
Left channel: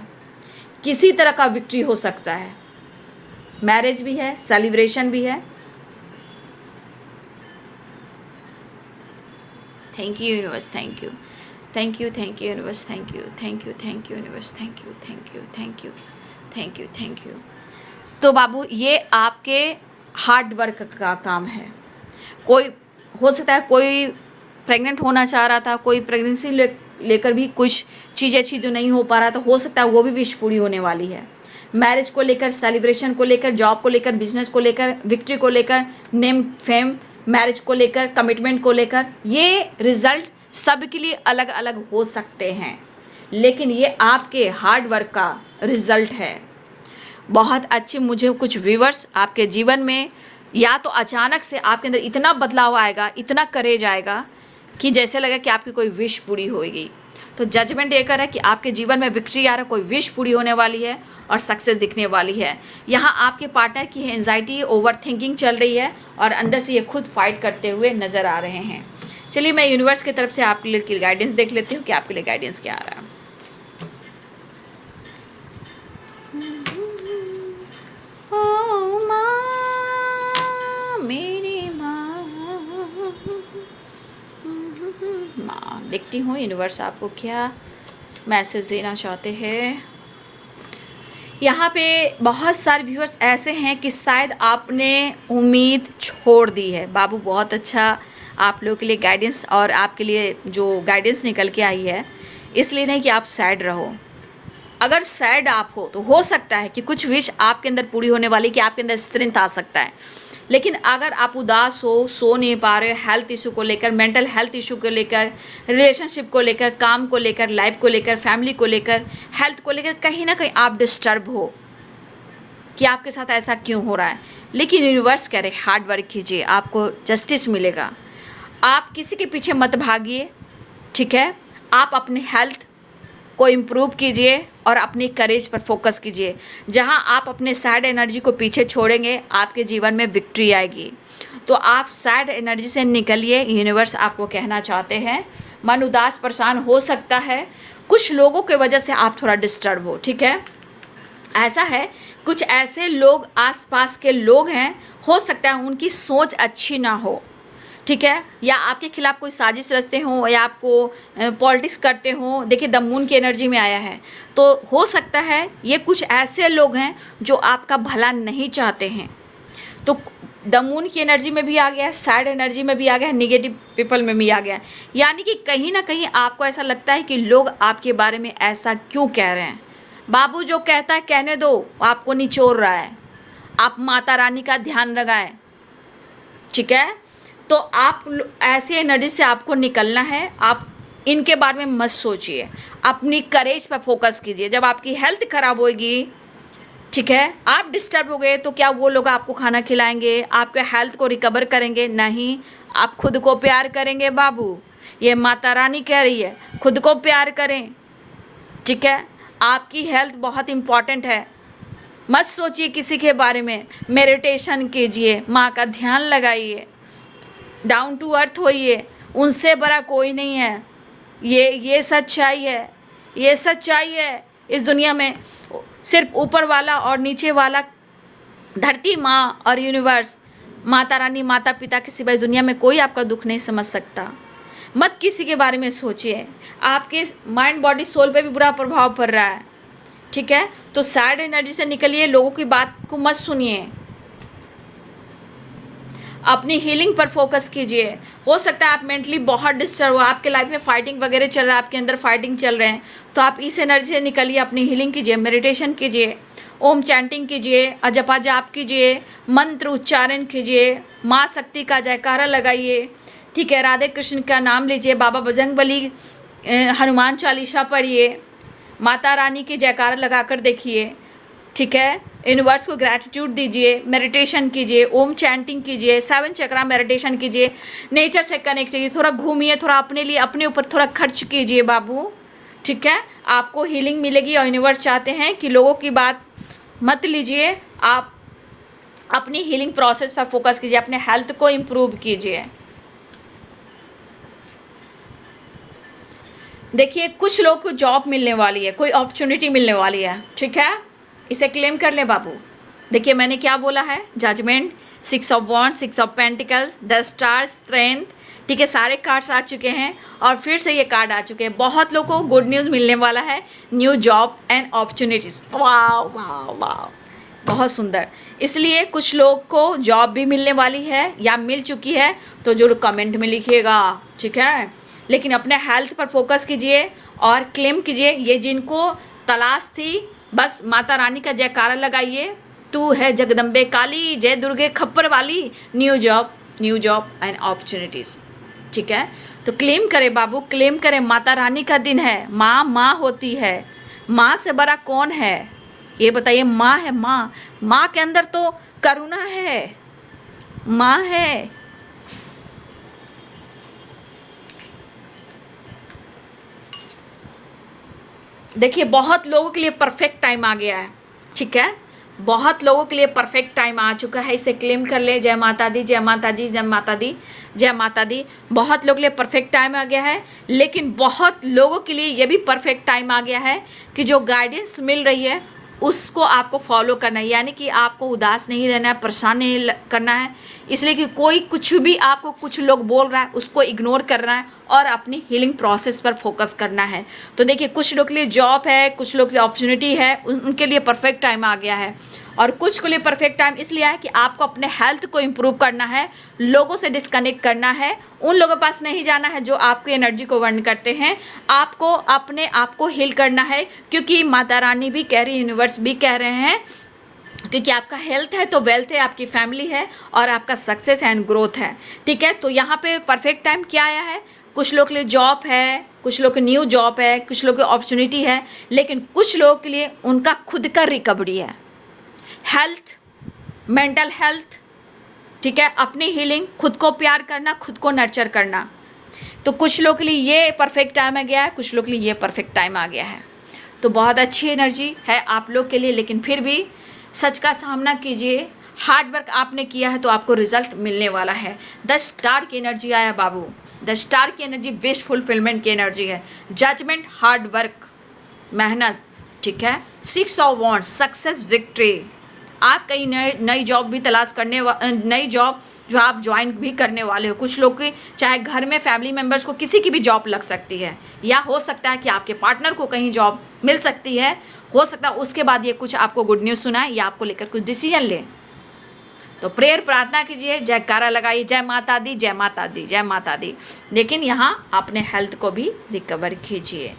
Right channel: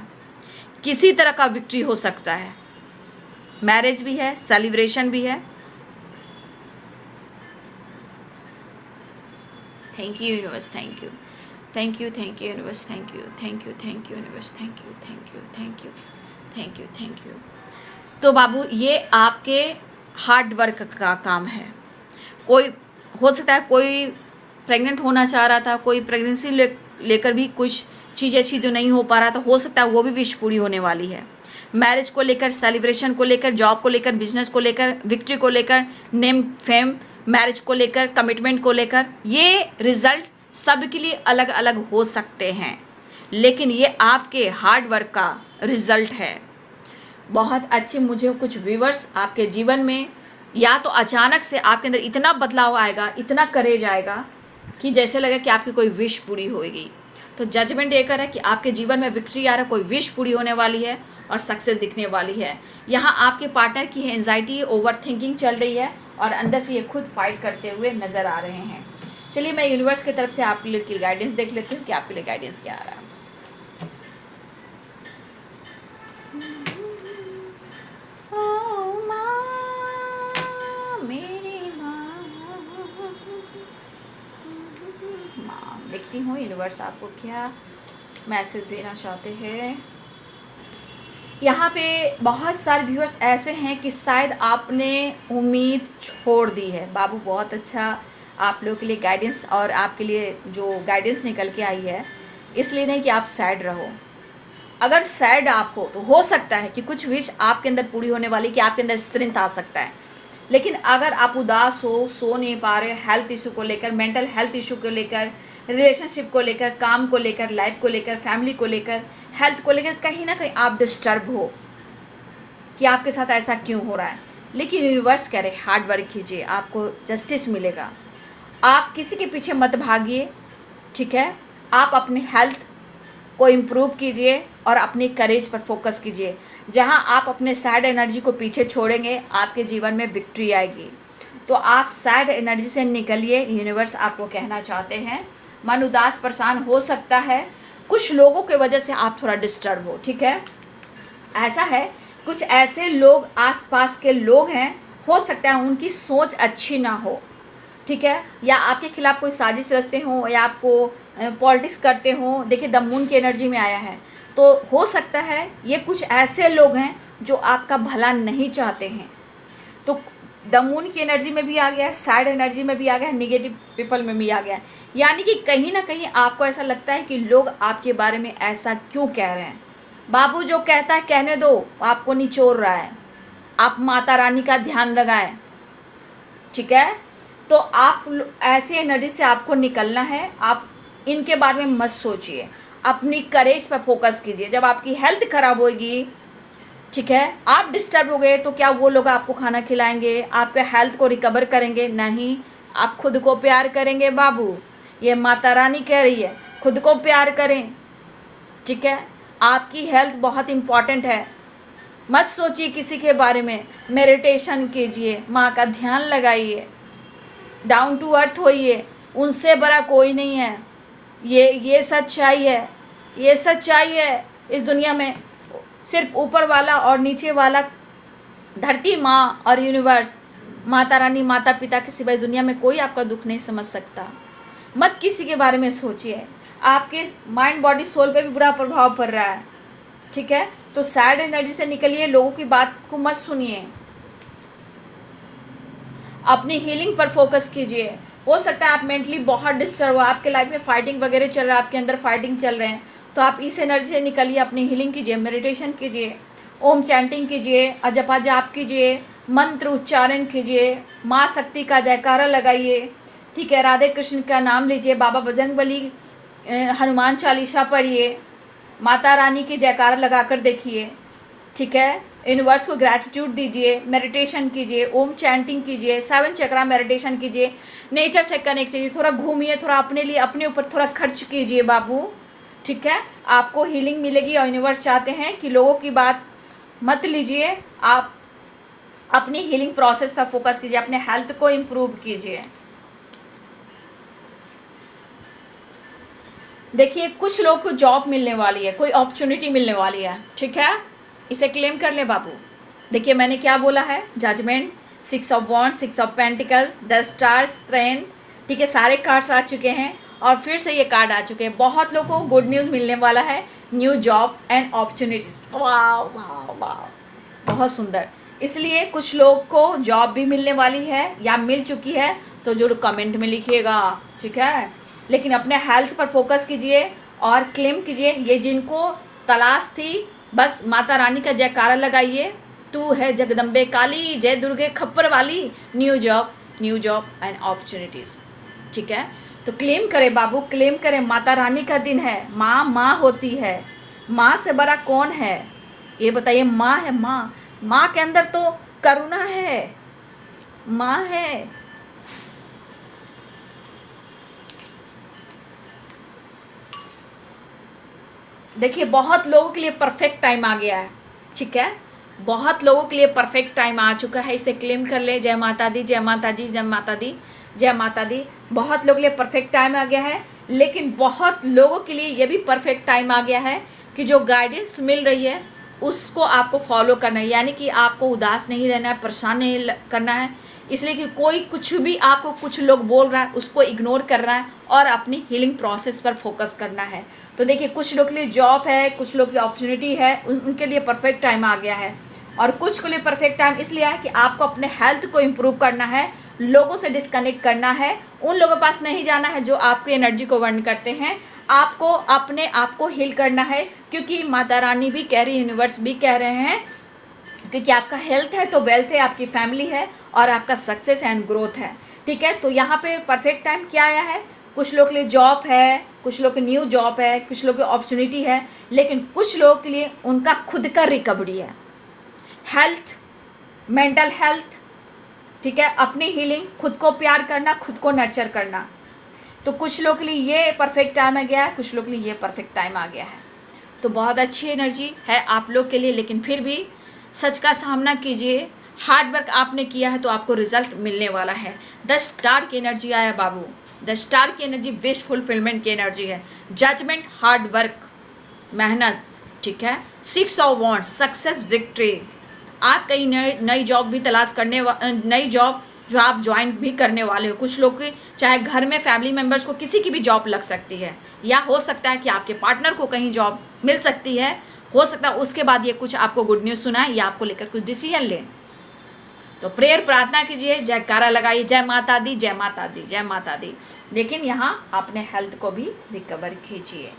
किसी तरह का विक्ट्री हो सकता है, मैरिज भी है, सेलिब्रेशन भी है। Thank you universe, thank you, thank you, thank you universe, thank you, thank you, thank you universe, thank you, thank you, thank you, thank you, thank you. तो बाबू, ये आपके हार्ड वर्क का काम है। कोई हो सकता है कोई प्रेग्नेंट होना चाह रहा था, कोई प्रेगनेंसी लेकर भी कुछ चीज़ें अच्छी जो नहीं हो पा रहा था, हो सकता है वो भी विश पूरी होने वाली है। मैरिज को लेकर, सेलिब्रेशन को लेकर, जॉब को लेकर, बिजनेस को लेकर, विक्ट्री को लेकर, नेम, फेम, मैरिज को लेकर, कमिटमेंट को लेकर, ये रिजल्ट सबके लिए अलग अलग हो सकते हैं, लेकिन ये आपके हार्ड वर्क का रिजल्ट है। बहुत अच्छे मुझे कुछ व्यूवर्स आपके जीवन में, या तो अचानक से आपके अंदर इतना बदलाव आएगा, इतना करेज आएगा कि जैसे लगे कि आपकी कोई विश पूरी होएगी। तो जजमेंट ये कर है कि आपके जीवन में विक्ट्री आ रहा है, कोई विश पूरी होने वाली है और सक्सेस दिखने वाली है। यहाँ आपके पार्टनर की एंजाइटी, ओवर थिंकिंग चल रही है और अंदर से ये खुद फाइट करते हुए नज़र आ रहे हैं। चलिए, मैं यूनिवर्स की तरफ से आपके लिए गाइडेंस देख लेती हूँ कि आपके लिए गाइडेंस क्या आ रहा है। देखती हूँ यूनिवर्स आपको क्या मैसेज देना चाहते हैं। यहाँ पे बहुत सारे व्यूअर्स ऐसे हैं कि शायद आपने उम्मीद छोड़ दी है। बाबू, बहुत अच्छा आप लोगों के लिए गाइडेंस, और आपके लिए जो गाइडेंस निकल के आई है, इसलिए नहीं कि आप सैड रहो। अगर सैड आप हो तो हो सकता है कि कुछ विश आपके अंदर पूरी होने वाली, कि आपके अंदर स्ट्रेंथ आ सकता है। लेकिन अगर आप उदास हो, सो नहीं पा रहे, हेल्थ इशू को लेकर, मेंटल हेल्थ इशू को लेकर, रिलेशनशिप को लेकर, काम को लेकर, लाइफ को लेकर, फैमिली को लेकर, हेल्थ को लेकर, कहीं ना कहीं आप डिस्टर्ब हो कि आपके साथ ऐसा क्यों हो रहा है, लेकिन यूनिवर्स कह रहे हार्ड वर्क कीजिए, आपको जस्टिस मिलेगा। आप किसी के पीछे मत भागिए, ठीक है। आप अपनी हेल्थ को इम्प्रूव कीजिए और अपनी करेज पर फोकस कीजिए। जहां आप अपने सैड एनर्जी को पीछे छोड़ेंगे, आपके जीवन में विक्ट्री आएगी। तो आप सैड एनर्जी से निकलिए, यूनिवर्स आपको कहना चाहते हैं। मन उदास, परेशान हो सकता है, कुछ लोगों की वजह से आप थोड़ा डिस्टर्ब हो, ठीक है। ऐसा है, कुछ ऐसे लोग आसपास के लोग हैं, हो सकता है उनकी सोच अच्छी ना हो, ठीक है, या आपके खिलाफ कोई साजिश रचते हों या आपको पॉलिटिक्स करते हों। देखिए द मून की एनर्जी में आया है, तो हो सकता है ये कुछ ऐसे लोग हैं जो आपका भला नहीं चाहते हैं। तो द मून की एनर्जी में भी आ गया है, सैड एनर्जी में भी आ गया है, निगेटिव पीपल में भी आ गया है। यानी कि कहीं ना कहीं आपको ऐसा लगता है कि लोग आपके बारे में ऐसा क्यों कह रहे हैं। बाबू जो कहता है कहने दो, आपको निचोड़ रहा है। आप माता रानी का ध्यान लगाएं, ठीक है। तो आप ऐसी एनर्जी से आपको निकलना है। आप इनके बारे में मत सोचिए, अपनी करेज पर फोकस कीजिए। जब आपकी हेल्थ खराब होगी, ठीक है, आप डिस्टर्ब हो गए, तो क्या वो लोग आपको खाना खिलाएंगे, आपके हेल्थ को रिकवर करेंगे? नहीं, आप खुद को प्यार करेंगे बाबू। ये माता रानी कह रही है, खुद को प्यार करें, ठीक है। आपकी हेल्थ बहुत इम्पॉर्टेंट है। मत सोचिए किसी के बारे में। मेडिटेशन कीजिए, माँ का ध्यान लगाइए, डाउन टू अर्थ होइए। उनसे बड़ा कोई नहीं है। ये सच्चाई है, ये सच्चाई है इस दुनिया में। सिर्फ ऊपर वाला और नीचे वाला, धरती माँ और यूनिवर्स, माता रानी, माता पिता के सिवाय दुनिया में कोई आपका दुख नहीं समझ सकता। मत किसी के बारे में सोचिए। आपके माइंड बॉडी सोल पे भी बुरा प्रभाव पड़ रहा है, ठीक है। तो सैड एनर्जी से निकलिए, लोगों की बात को मत सुनिए, अपनी हीलिंग पर फोकस कीजिए। हो सकता है आप मेंटली बहुत डिस्टर्ब हो, आपके लाइफ में फाइटिंग वगैरह चल रहा है, आपके अंदर फाइटिंग चल रहे हैं, तो आप इस एनर्जी से निकलिए, अपनी हीलिंग कीजिए, मेडिटेशन कीजिए, ओम चैंटिंग कीजिए, जपा जाप कीजिए, मंत्र उच्चारण कीजिए, माँ शक्ति का जयकारा लगाइए, ठीक है, राधे कृष्ण का नाम लीजिए, बाबा बजरंगबली, हनुमान चालीसा पढ़िए, माता रानी की जयकारा लगाकर देखिए, ठीक है। यूनिवर्स को ग्रैटिट्यूड दीजिए, मेडिटेशन कीजिए, ओम चैंटिंग कीजिए, 7 चक्रा मेडिटेशन कीजिए, नेचर से कनेक्ट कीजिए, थोड़ा घूमिए, थोड़ा अपने लिए, अपने ऊपर थोड़ा खर्च कीजिए बाबू, ठीक है। आपको हीलिंग मिलेगी और यूनिवर्स चाहते हैं कि लोगों की बात मत लीजिए, आप अपनी हीलिंग प्रोसेस पर फोकस कीजिए, अपने हेल्थ को इम्प्रूव कीजिए। देखिए कुछ लोग को जॉब मिलने वाली है, कोई अपॉर्चुनिटी मिलने वाली है, ठीक है, इसे क्लेम कर ले बाबू। देखिए मैंने क्या बोला है, judgement, 6 of wands, 6 of pentacles, 10 star, strength, ठीक है, सारे कार्ड्स आ चुके हैं और फिर से ये कार्ड आ चुके हैं। बहुत लोगों को गुड न्यूज़ मिलने वाला है, न्यू जॉब एंड अपॉर्चुनिटीज। वाह वाह वाह, बहुत सुंदर। इसलिए कुछ लोग को जॉब भी मिलने वाली है या मिल चुकी है, तो जरूर कमेंट में लिखिएगा, ठीक है। लेकिन अपने हेल्थ पर फोकस कीजिए और क्लेम कीजिए। ये जिनको तलाश थी, बस माता रानी का जयकारा लगाइए, तू है जगदम्बे काली, जय दुर्गे खप्पर वाली, न्यू जॉब एंड अपॉर्चुनिटीज़, ठीक है। तो क्लेम करें बाबू, क्लेम करें। माता रानी का दिन है, माँ होती है, माँ से बड़ा कौन है ये बताइए। माँ है, माँ के अंदर तो करुणा है, माँ है। देखिए बहुत लोगों के लिए परफेक्ट टाइम आ गया है, ठीक है, बहुत लोगों के लिए परफेक्ट टाइम आ चुका है, इसे क्लेम कर ले। जय माता दी, जय माता जी, जय माता दी, जय माता दी। बहुत लोगों के लिए परफेक्ट टाइम आ गया है, लेकिन बहुत लोगों के लिए ये भी परफेक्ट टाइम आ गया है कि जो गाइडेंस मिल रही है उसको आपको फॉलो करना है। यानी कि आपको उदास नहीं रहना है, परेशान नहीं करना है, इसलिए कि कोई कुछ भी आपको कुछ लोग बोल रहा है उसको इग्नोर करना है और अपनी हीलिंग प्रोसेस पर फोकस करना है। तो देखिए कुछ लोग के लिए जॉब है, कुछ लोग के लिए अपॉर्चुनिटी है, उनके लिए परफेक्ट टाइम आ गया है। और कुछ के लिए परफेक्ट टाइम इसलिए है कि आपको अपने हेल्थ को इम्प्रूव करना है, लोगों से डिस्कनेक्ट करना है, उन लोगों के पास नहीं जाना है जो आपकी एनर्जी को वर्न करते हैं। आपको अपने आप को हील करना है, क्योंकि माता रानी भी कह रही, यूनिवर्स भी कह रहे हैं, क्योंकि आपका हेल्थ है तो वेल्थ है, आपकी फैमिली है और आपका सक्सेस एंड ग्रोथ है, ठीक है। तो यहाँ पे परफेक्ट टाइम क्या आया है, कुछ लोग के लिए जॉब है, कुछ लोग के न्यू जॉब है, कुछ लोग की अपॉर्चुनिटी है, लेकिन कुछ लोगों के लिए उनका खुद का रिकवरी है, हेल्थ, मेंटल हेल्थ, ठीक है, अपनी हीलिंग, खुद को प्यार करना, खुद को नर्चर करना। तो कुछ लोग के लिए ये परफेक्ट टाइम आ गया है, कुछ लोग के लिए ये परफेक्ट टाइम आ गया है। तो बहुत अच्छी एनर्जी है आप लोग के लिए, लेकिन फिर भी सच का सामना कीजिए। हार्ड वर्क आपने किया है तो आपको रिजल्ट मिलने वाला है। 10 स्टार की एनर्जी आया बाबू, 10 स्टार की एनर्जी विश फुलफिलमेंट की एनर्जी है, जजमेंट, हार्ड वर्क, मेहनत, ठीक है। 6 ऑफ वॉन्ड्स, सक्सेस, विक्ट्री, आप कहीं नई जॉब भी तलाश करने नई जॉब जो आप ज्वाइन भी करने वाले हो। कुछ लोग की चाहे घर में फैमिली मेम्बर्स को किसी की भी जॉब लग सकती है, या हो सकता है कि आपके पार्टनर को कहीं जॉब मिल सकती है। हो सकता है उसके बाद ये कुछ आपको गुड न्यूज़ सुनाए या आपको लेकर कुछ डिसीजन ले। तो प्रेयर प्रार्थना कीजिए, जयकारा लगाइए, जय माता दी, जय माता दी, जय माता दी। लेकिन यहाँ अपने हेल्थ को भी रिकवर कीजिए,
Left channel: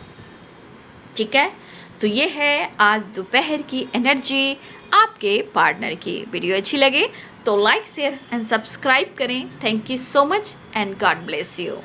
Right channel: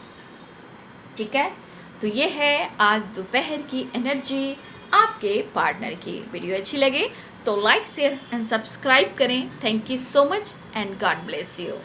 ठीक है। तो ये है आज दोपहर की एनर्जी आपके पार्टनर की। वीडियो अच्छी लगे तो लाइक शेयर एंड सब्सक्राइब करें। Thank you so much and God bless you.